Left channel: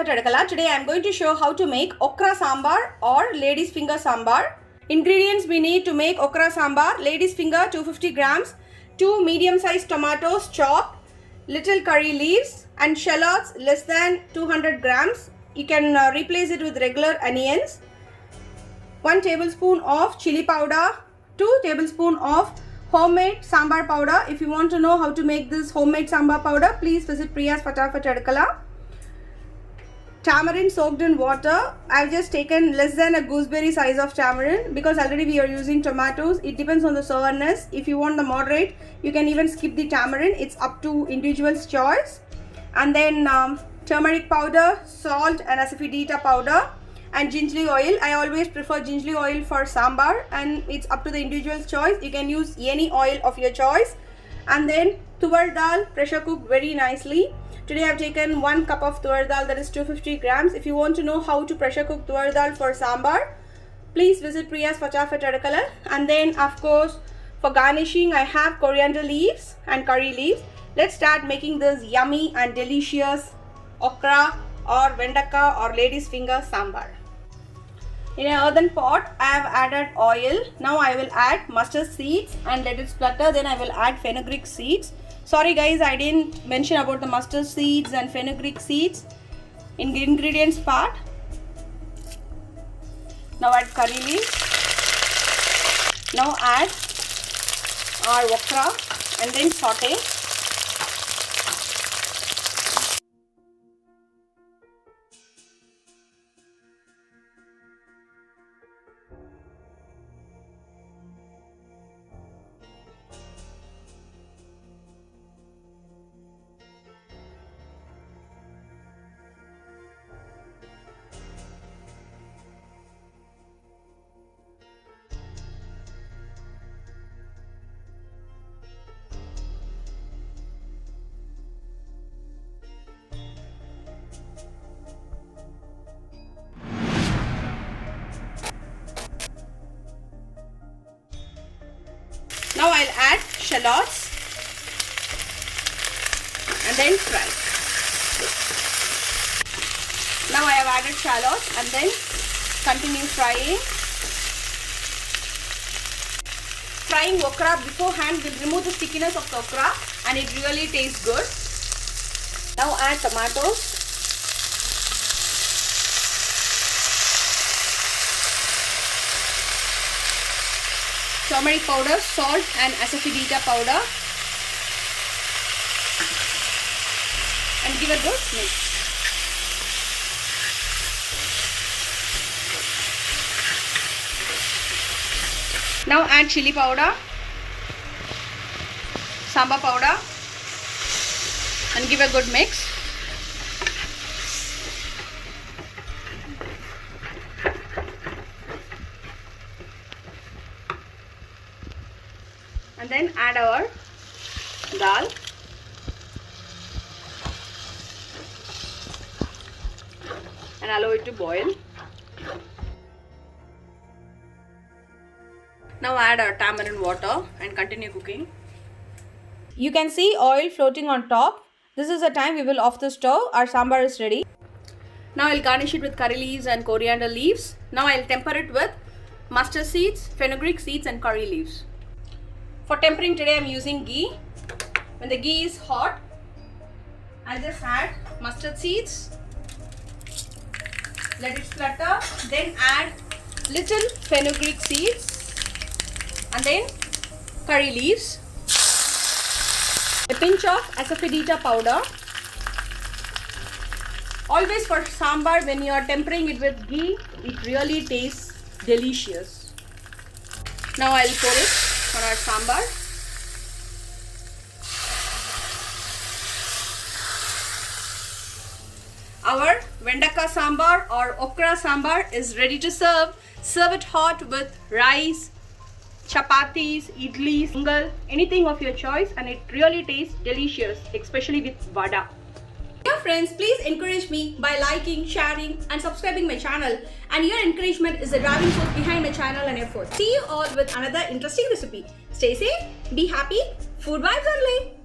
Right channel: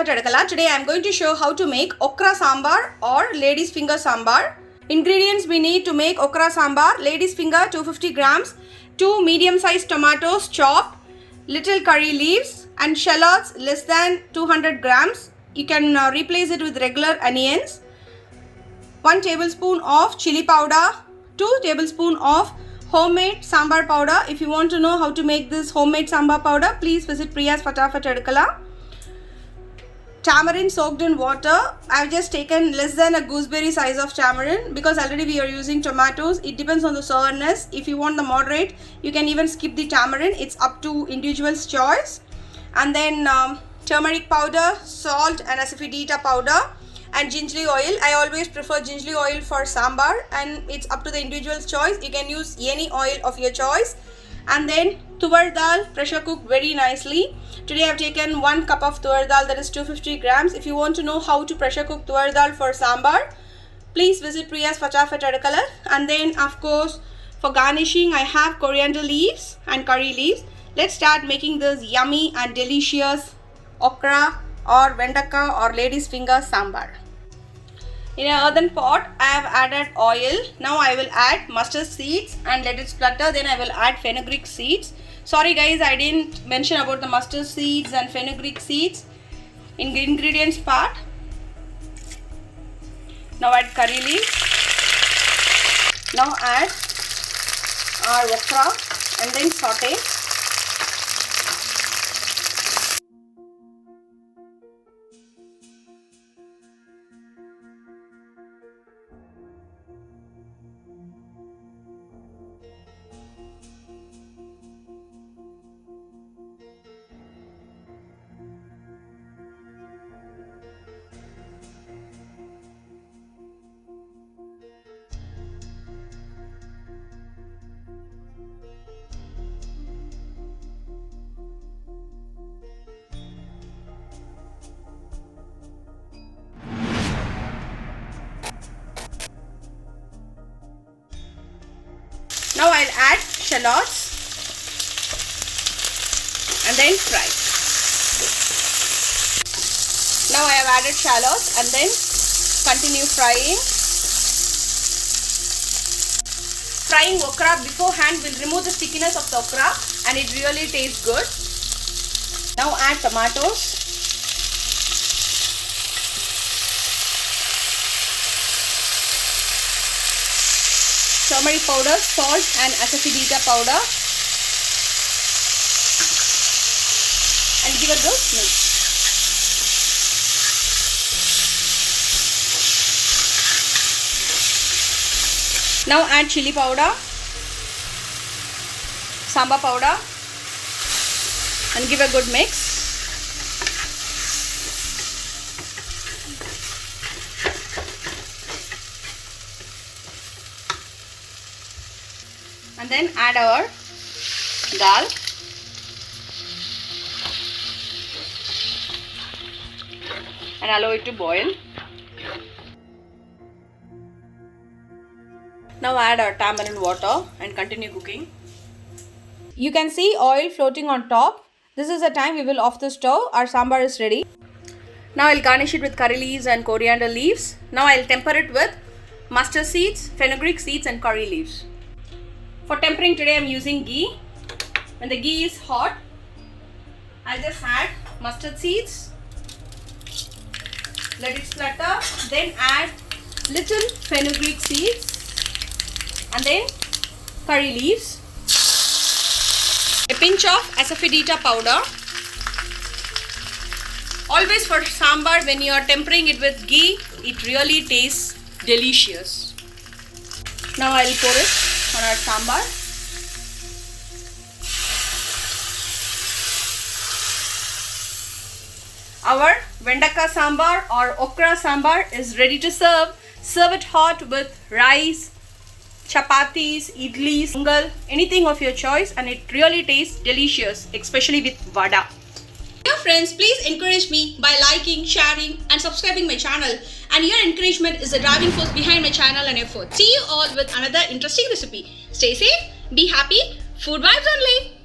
Fatafat Adakala. Today I am going to show how to make okra sambar or ladies finger sambar. Ingredients we need to make okra sambar: ladies finger 250 grams, 2 medium sized tomatoes chopped, little curry leaves and shallots less than 200 grams. You can replace it with regular onions. 1 tablespoon of chili powder, 2 tablespoons of homemade sambar powder. If you want to know how to make this homemade sambar powder, please visit Priya's Fatafat Adakala. Tamarind soaked in water. I've just taken less than a gooseberry size of tamarind because already we are using tomatoes. It depends on the sourness. If you want the moderate, you can even skip the tamarind. It's up to individual's choice. And then turmeric powder, salt and asafoetida powder, and gingerly oil. I always prefer gingerly oil for sambar, and it's up to the individual's choice. You can use any oil of your choice. And then tuvar dal, pressure cooked very nicely. Today I have taken 1 cup of tuvar dal, that is 250 grams. If you want to know how to pressure cook tuvar dal for sambar, please visit Priya's Fatafat Adakala. And then of course for garnishing I have coriander leaves and curry leaves. Let's start making this yummy and delicious okra or vendaka or ladies finger sambar. In an earthen pot, I have added oil. Now I will add mustard seeds and let it splutter. Then I will add fenugreek seeds. Sorry guys, I didn't mention about the mustard seeds and fenugreek seeds in the ingredients part. Now add curry leaves. Now add our okra and then saute. Now I'll add shallots and then fry. Now I have added shallots and then continue frying. Frying okra beforehand will remove the stickiness of the okra and it really tastes good. Now add tomatoes. Turmeric powder, salt and asafoetida powder, and give a good mix. Now add chili powder, sambar powder and give a good mix. And then add our dal. And allow it to boil. Now add our tamarind water and continue cooking. You can see oil floating on top. This is the time we will off the stove. Our sambar is ready. Now I'll garnish it with curry leaves and coriander leaves. Now I'll temper it with mustard seeds, fenugreek seeds and curry leaves. For tempering today I am using ghee. When the ghee is hot, I'll just add mustard seeds. Let it splutter. Then add little fenugreek seeds and then curry leaves. A pinch of asafoetida powder. Always for sambar, when you are tempering it with ghee, it really tastes delicious. Now I will pour it on our sambar. Our vendaka sambar or okra sambar is ready to serve. Serve it hot with rice, chapatis, idlis, pongal, anything of your choice, and it really tastes delicious, especially with vada. Dear friends, please encourage me by liking, sharing and subscribing my channel, and your encouragement is the driving force behind my channel and effort. See you all with another interesting recipe. Stay safe, be happy, food vibes only.